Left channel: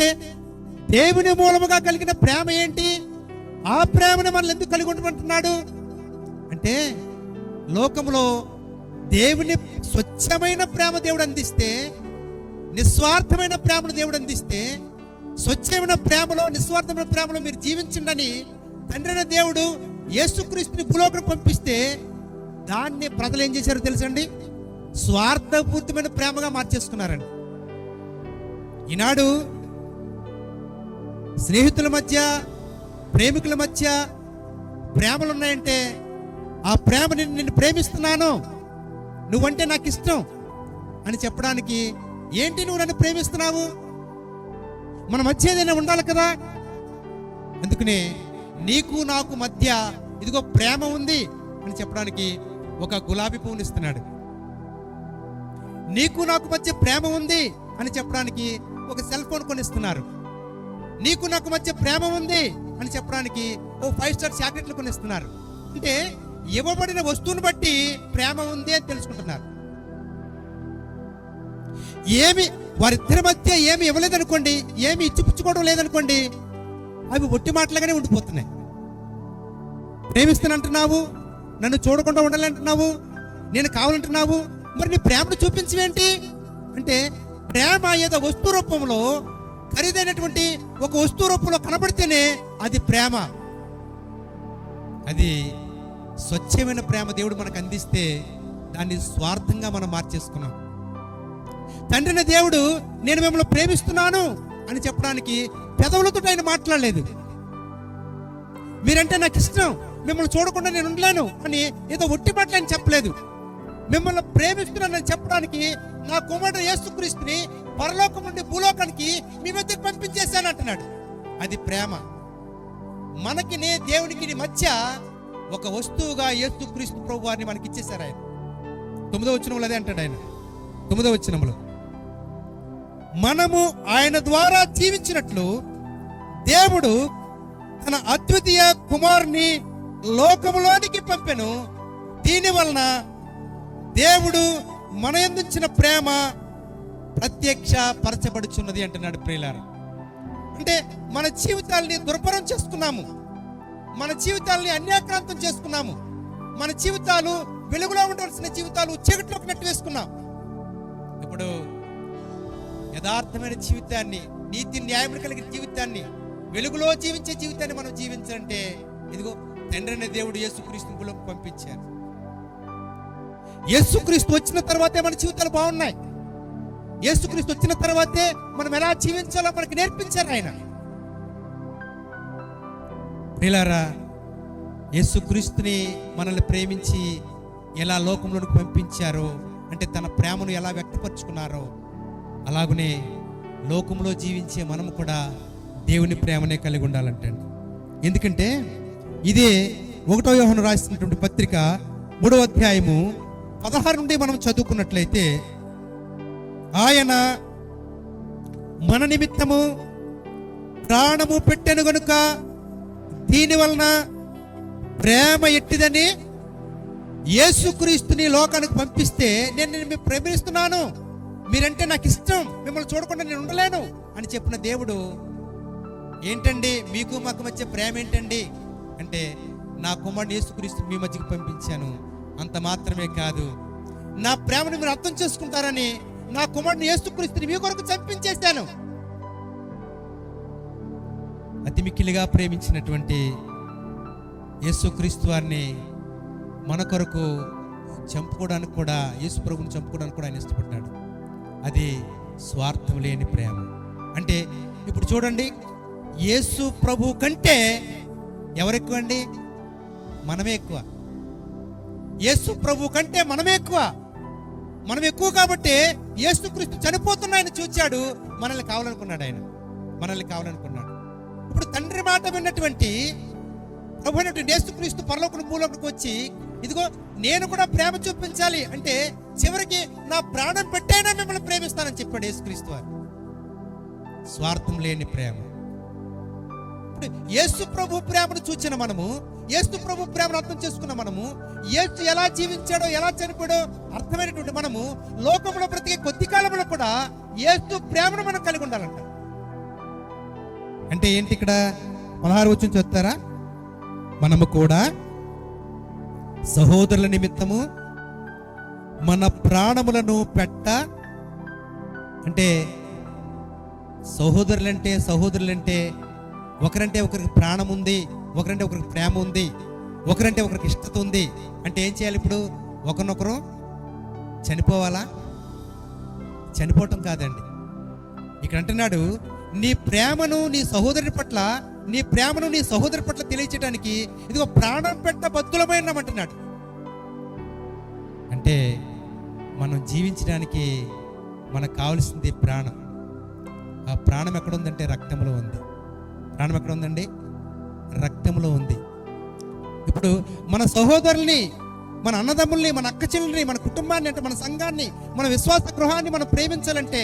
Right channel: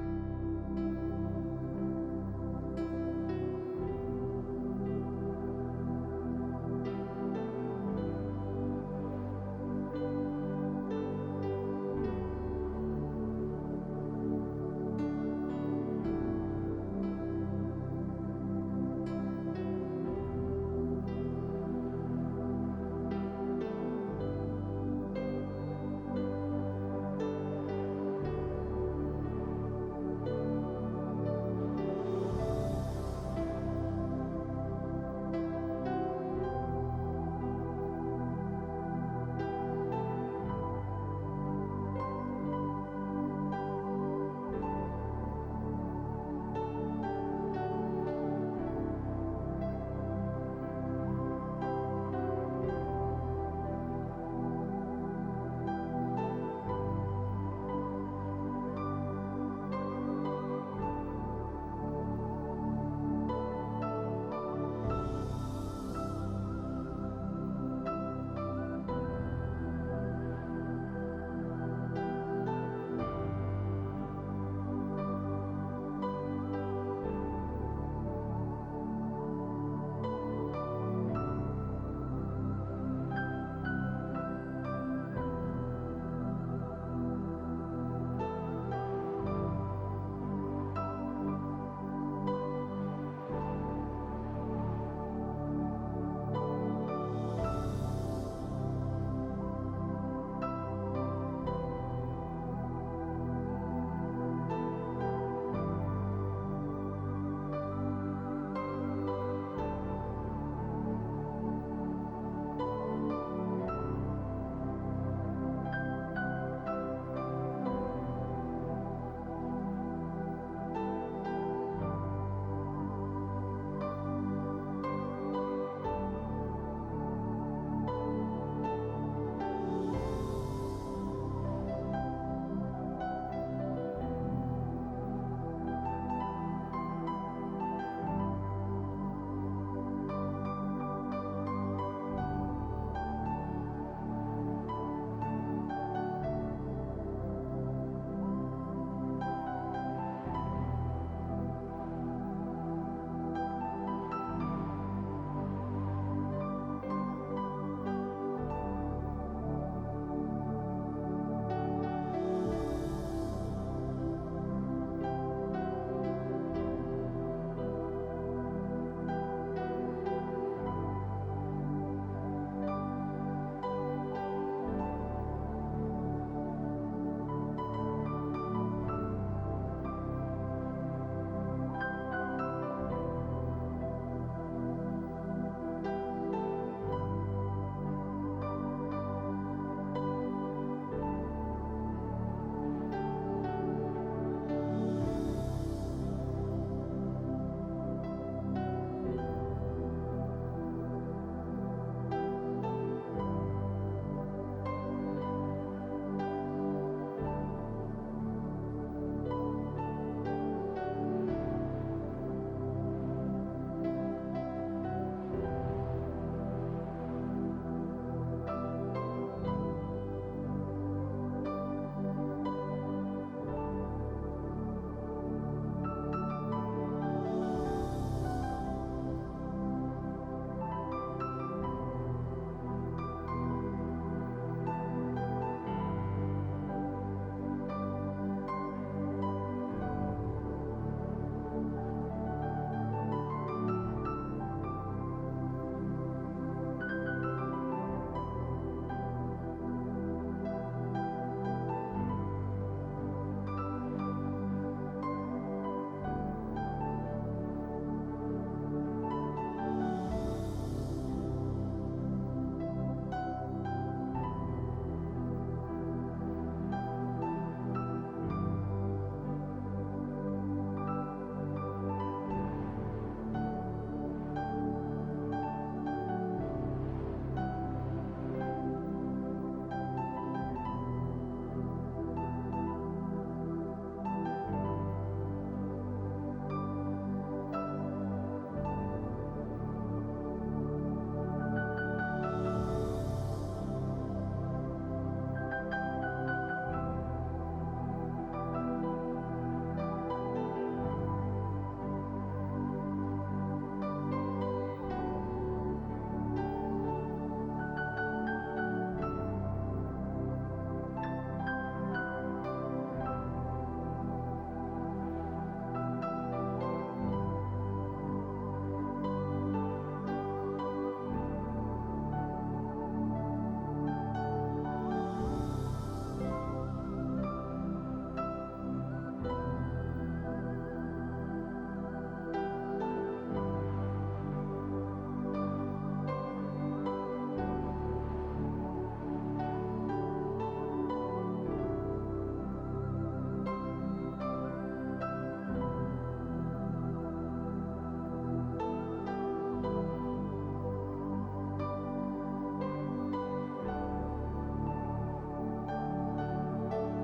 అంటే దేవుని మూలముగా కలిగిన ప్రేమ ఏంటి? ఆ ప్రేమను మనల్ని ఎందుకు కలిగి ఉండమంటున్నాడు అంటే, లోకంలో దేవుని స్వచ్ఛమైన ప్రేమ దేవుడు అందిస్తే, నిస్వార్థమైన ప్రేమను దేవుడు అందిస్తే, స్వచ్ఛమైన ప్రేమలో నిస్వార్థమైన ప్రేమలో మీరు జీవించండి తండ్రి దేవుడు యేసుక్రీస్తుని భూలోకం పంపిస్తే, దాన్ని ప్రజలు ఏం చేశారో తెలుసండి? స్వార్థపూరితమైన ప్రేమగా మార్చేసుకున్నారండి. ఈనాడు స్నేహితుల మధ్య, ప్రేమికుల మధ్య ప్రేమలు ఉన్నాయంటే, ఆ ప్రేమని నిన్ను ప్రేమిస్తున్నాను, నువ్వంటే నాకు ఇష్టం అని చెప్పడానికి, ఏంటి నువ్వు నన్ను ప్రేమిస్తున్నావు, మన మధ్య ఏదైనా ఉండాలి కదా. అందుకనే నీకు నాకు మధ్య ఇదిగో ప్రేమ ఉంది అని చెప్పడానికి ఒక గులాబీ పువ్వుని ఇస్తున్నాడు. నీకు నాకు మధ్య ప్రేమ ఉంది అని చెప్పడానికి ఒక సెల్ ఫోన్ కొనిస్తున్నారు. నీకు నాకు మధ్య ప్రేమ ఉంది అని చెప్పడానికి ఓ 5 స్టార్ చాక్లెట్లు కొనిస్తున్నారు. అంటే ఇవ్వబడిన వస్తువుని బట్టి ప్రేమ ఉంది అని తెలుసుకుంటున్నారు. ఏమి వారిద్దరి మధ్య ఏమి ఇవ్వలేదనుకోండి, ఏమి ఇచ్చిపుచ్చుకోవడం లేదనుకోండి, అవి ఒట్టి మాటలుగానే ఉండిపోతున్నాయి. ప్రేమిస్తానంటున్నావు, నన్ను చూడకుండా ఉండాలంటున్నావు, నేను కావాలంటున్నావు, మరి నీ ప్రేమను చూపించవేంటి అంటే, ప్రేమ ఏదో వస్తు రూపంలో, ఖరీదైనటువంటి ఒక వస్తు రూపంలో కనబడితేనే అది ప్రేమ. అది స్వచ్ఛమైన ప్రేమ దేవుడు మనకు అందిస్తే దాన్ని స్వార్థంగా మనం మార్చేసుకున్నాం. తండ్రిని దేవుడు నేను మిమ్మల్ని ప్రేమిస్తున్నాను అని చెప్పడానికి పెదవులతో ఆయన మాట్లాడలేదు. మీరంటే నాకు ఇష్టం, మిమ్మల్ని చూడకుండా నేను ఉండలేను అని ఏదో ఒట్టి మాటలు ఆయన చెప్పలేదు. మిమ్మల్ని ప్రేమిస్తున్నానని చెప్పడానికి నా కుమారుడు యేసుక్రీస్తుని పరలోకం నుండి భూలోకానికి మీ మధ్యకు పంపించేశాను అంటున్నాడు. అది ప్రేమ. మనకి దేవునికి మధ్య ఒక వస్తువుగా యేసుక్రీస్తు ప్రభు వారిని మనకి ఇచ్చేశారు ఆయన. 9వ వచనంలో అదే అంటాడు ఆయన. 9వ వచనంలో మనము ఆయన ద్వారా జీవించినట్లు దేవుడు తన అద్వితీయ కుమారుని లోకములోనికి పంపెను. దీని వలన దేవుడు మన యందుంచిన ప్రేమ ప్రత్యక్ష పరచబడుచున్నది అంటున్నాడు ప్రియులారా. అంటే మన జీవితాల్ని దుర్భరం చేసుకున్నాము, మన జీవితాల్ని అన్యాక్రాంతం చేసుకున్నాము, మన జీవితాలు వెలుగులో ఉండవలసిన జీవితాలు చీకట్లోకి నెట్టివేసుకున్నాం. ఇప్పుడు యథార్థమైన జీవితాన్ని, నీతి న్యాయం కలిగిన జీవితాన్ని, వెలుగులో జీవించే జీవితాన్ని మనం జీవించాలంటే ఇదిగో తండ్రి అనే దేవుడు యేసుక్రీస్తు భూలోకి పంపించారు. యేసుక్రీస్తు వచ్చిన తర్వాతే మన జీవితాలు బాగున్నాయి. యేసుక్రీస్తు వచ్చిన తర్వాతే మనం ఎలా జీవించాలో మనకి నేర్పించారు ఆయన. ప్రియులారా, యేసుక్రీస్తుని మనల్ని ప్రేమించి ఎలా లోకంలోకి పంపించారో, అంటే తన ప్రేమను ఎలా వ్యక్తపరుచుకున్నారో, అలాగనే లోకంలో జీవించే మనము కూడా దేవుని ప్రేమనే కలిగి ఉండాలంటండి. ఎందుకంటే ఇదే 1వ యోహాను రాసినటువంటి పత్రిక 3వ అధ్యాయము 16 నుండి మనం చదువుకున్నట్లయితే, ఆయన మన నిమిత్తము ప్రాణము పెట్టెను గనుక దీని వలన ప్రేమ ఎట్టిదని యేసుక్రీస్తుని లోకానికి పంపిస్తే, నేను నిన్ను ప్రేమిస్తున్నాను, మీరంటే నాకు ఇష్టం, మిమ్మల్ని చూడకుండా నేను ఉండలేను అని చెప్పిన దేవుడు ఏంటండి మీకు మాకు మధ్య ప్రేమ ఏంటండి అంటే, నా కుమారుడు యేసుక్రీస్తు మీ మధ్యకి పంపించాను, అంత మాత్రమే కాదు, నా ప్రేమను మీరు అర్థం చేసుకుంటారని నా కుమారుడు యేసుక్రీస్తుని మీ కొరకు చంపించేశాను. అతి మిక్కిలిగా ప్రేమించినటువంటి యేసుక్రీస్తు వారిని మన కొరకు చంపుకోవడానికి కూడా, యేసు ప్రభువుని చంపుకోవడానికి కూడా ఆయన ఇష్టపడ్డాడు. అది స్వార్థం లేని ప్రేమ. అంటే ఇప్పుడు చూడండి, యేసు ప్రభు కంటే ఎవరెక్కువ అండి? మనమే ఎక్కువ. యేసు ప్రభు కంటే మనమే ఎక్కువ. మనం ఎక్కువ కాబట్టి యేసుక్రీస్తు చనిపోతున్న ఆయన చూచాడు, మనల్ని కావాలనుకున్నాడు. ఆయన మనల్ని కావాలనుకున్నాడు. ఇప్పుడు తండ్రి మాట విన్నటువంటి ప్రభు అయినటువంటి యేసుక్రీస్తు పరలోకం భూలోకం వచ్చి, ఇదిగో నేను కూడా ప్రేమ చూపించాలి అంటే చివరికి నా ప్రాణం పెట్టైనా మిమ్మల్ని ప్రేమిస్తానని చెప్పాడు యేసుక్రీస్తు వారు. స్వార్థం లేని ప్రేమ. యేసు ప్రభు ప్రేమను చూచిన మనము, యేసు ప్రభు ప్రేమను అర్థం చేసుకున్న మనము, యేసు ఎలా జీవించాడో ఎలా చనిపోయాడో అర్థమైనటువంటి మనము లోకంలో బ్రతికే కొద్ది కాలంలో కూడా యేసు ప్రేమను మనం కలిగి ఉండాలంట. అంటే ఏంటి ఇక్కడ 16 వచనం చెప్తారా? మనము కూడా సహోదరుల నిమిత్తము మన ప్రాణములను అంటే సహోదరులంటే ఒకరంటే ఒకరికి ప్రాణం ఉంది, ఒకరంటే ఒకరికి ప్రేమ ఉంది, ఒకరంటే ఒకరికి ఇష్టత ఉంది. అంటే ఏం చేయాలి? ఇప్పుడు ఒకరినొకరు చనిపోవాలా? చనిపోవటం కాదండి. ఇక్కడ అంటున్నాడు, నీ ప్రేమను నీ సహోదరుడి పట్ల తెలియచేయడానికి ఇదిగో ప్రాణం బద్దులమైనామంటున్నాడు. అంటే మనం జీవించడానికి మనకు కావాల్సింది ప్రాణం. ఆ ప్రాణం ఎక్కడుందంటే రక్తంలో ఉంది. ప్రాణం ఎక్కడ ఉందండి? రక్తంలో ఉంది. ఇప్పుడు మన సహోదరుల్ని, మన అన్నదమ్ముల్ని, మన అక్క చెల్లెల్ని, మన కుటుంబాన్ని, అంటే మన సంఘాన్ని, మన విశ్వాస గృహాన్ని మనం ప్రేమించాలంటే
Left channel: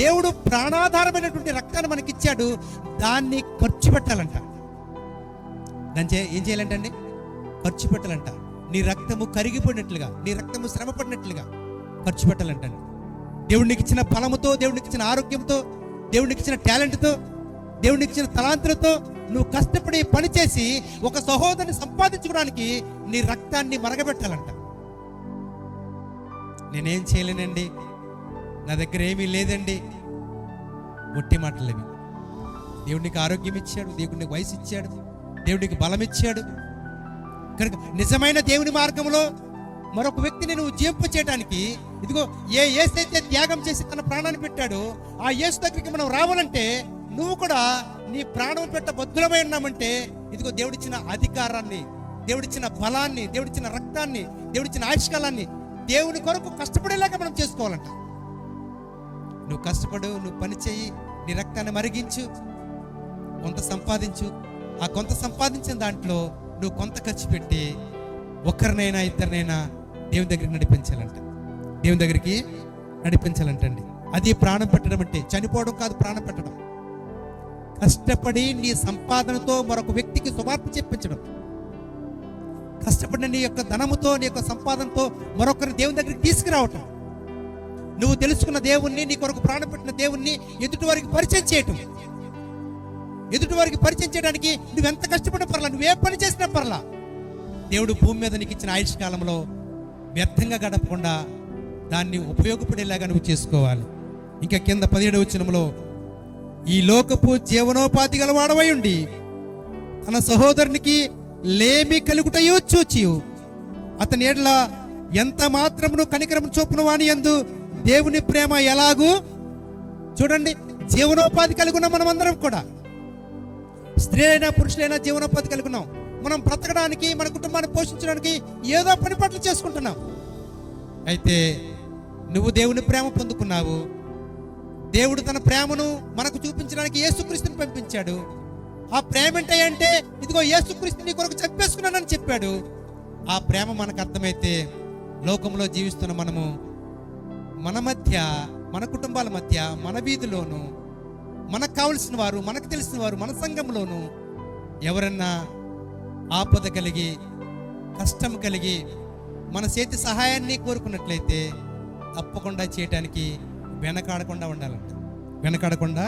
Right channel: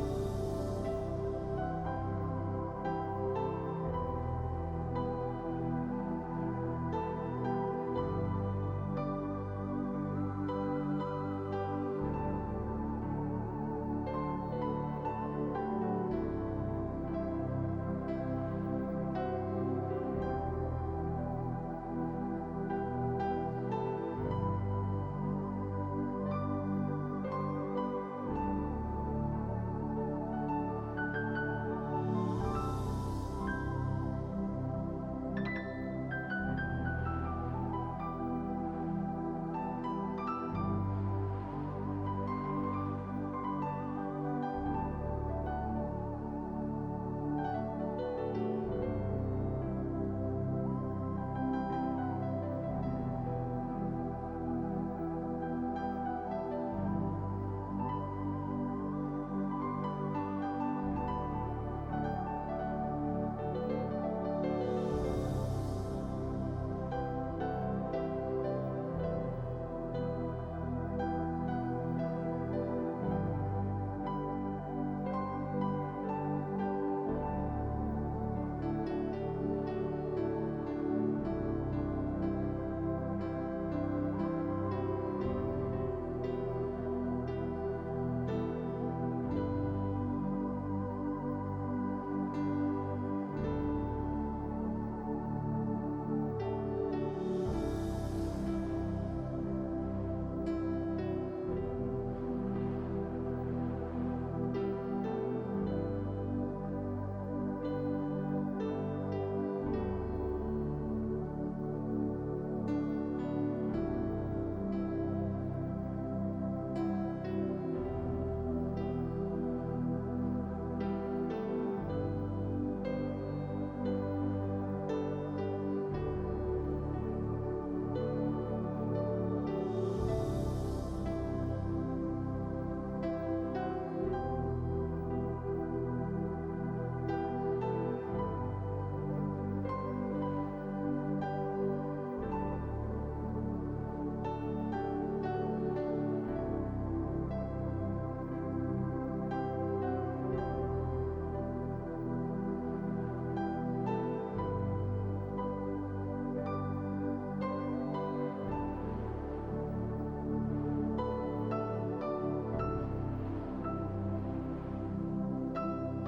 దేవుడు ప్రాణాధారమైనటువంటి రక్తాన్ని మనకి ఇచ్చాడు. దాన్ని ఖర్చు పెట్టాలంట. ఏం చేయాలంటే అండి? ఖర్చు పెట్టాలంట. నీ రక్తము కరిగిపోయినట్లుగా, నీ రక్తము శ్రమ పడినట్లుగా ఖర్చు పెట్టాలంటండి. దేవుడికి ఇచ్చిన ఫలముతో, దేవుడికి ఇచ్చిన ఆరోగ్యంతో, దేవుడికి ఇచ్చిన టాలెంట్తో, దేవుడికి ఇచ్చిన తలాంతులతో నువ్వు కష్టపడి పనిచేసి ఒక సహోదరుని సంపాదించుకోవడానికి నీ రక్తాన్ని మరగబెట్టాలంట. నేనేం చేయలేనండి, నా దగ్గర ఏమీ లేదండి, మొట్టి మాటలేవి. దేవుడికి ఆరోగ్యం ఇచ్చాడు, దేవుడికి వయసు ఇచ్చాడు, దేవుడికి బలం ఇచ్చాడు. కనుక నిజమైన దేవుని మార్గంలో మరొక వ్యక్తిని నువ్వు జీవింప చేయడానికి ఇదిగో యేసైతే త్యాగం చేసి తన ప్రాణాన్ని పెట్టాడో ఆ యేసు దగ్గరికి మనం రావాలంటే నువ్వు కూడా నీ ప్రాణం బద్దులమై ఉన్నామంటే ఇదిగో దేవుడిచ్చిన అధికారాన్ని, దేవుడిచ్చిన బలాన్ని, దేవుడిచ్చిన రక్తాన్ని, దేవుడిచ్చిన ఆయుష్కాలాన్ని దేవుని కొరకు కష్టపడేలాగా మనం చేసుకోవాలంట. నువ్వు కష్టపడు, నువ్వు పని చేయి, నీ రక్తాన్ని మరిగించు, కొంత సంపాదించు. ఆ కొంత సంపాదించిన దాంట్లో నువ్వు కొంత ఖర్చు పెట్టి ఒకరినైనా ఇద్దరినైనా దేవుని దగ్గరికి నడిపించాలంటండి. అది ప్రాణం పెట్టడం అంటే. చనిపోవడం కాదు ప్రాణం పెట్టడం. కష్టపడి నీ సంపాదనతో మరొక వ్యక్తికి సువార్త చెప్పించడం, కష్టపడిన నీ యొక్క ధనముతో, నీ యొక్క సంపాదనతో మరొకరిని దేవుని దగ్గరికి తీసుకురావటం, నువ్వు తెలుసుకున్న దేవుణ్ణి, నీ కొరకు ప్రాణం పెట్టిన దేవుణ్ణి ఎదుటి వారికి పరిచయం చేయటం. ఎదుటి వారికి పరిచయం చేయడానికి నువ్వెంత కష్టపడిన పర్లా, నువ్వే పని చేసినా పర్లా, దేవుడు భూమి మీద నీకు ఇచ్చిన ఆయుష్ కాలంలో వ్యర్థంగా గడపకుండా దాన్ని ఉపయోగపడేలాగా నువ్వు చేసుకోవాలి. ఇంకా కింద 17వ వచనంలో, ఈ లోకపు జీవనోపాధి గలవాడవై ఉండి తన సహోదరునికి లేమి కలుగుటయో చూచి అతని ఎడల ఎంత మాత్రమును కనికరము చూపును వాని యందు దేవుని ప్రేమ ఎలాగూ. చూడండి, జీవనోపాధి కలిగి ఉన్నాం మనం అందరం కూడా. స్త్రీ అయినా పురుషులైనా జీవనోపాధి కలిగి ఉన్నాం. మనం బ్రతకడానికి, మన కుటుంబాన్ని పోషించడానికి ఏదో పని పట్లు చేసుకుంటున్నాం. అయితే నువ్వు దేవుని ప్రేమ పొందుకున్నావు. దేవుడు తన ప్రేమను మనకు చూపించడానికి యేసుక్రీస్తుని పంపించాడు. ఆ ప్రేమ ఏంటంటే ఇదిగో యేసుక్రీస్తు నీ కొరకు చంపేసుకున్నానని చెప్పాడు. ఆ ప్రేమ మనకు అర్థమైతే లోకంలో జీవిస్తున్న మనము మన మధ్య, మన కుటుంబాల మధ్య, మన వీధిలోను, మనకు కావలసిన వారు, మనకు తెలిసిన వారు, మన సంఘంలోను ఎవరన్నా ఆపద కలిగి, కష్టం కలిగి మన చేతి సహాయాన్ని కోరుకున్నట్లయితే తప్పకుండా చేయటానికి వెనకాడకుండా ఉండాలంట. వెనకాడకుండా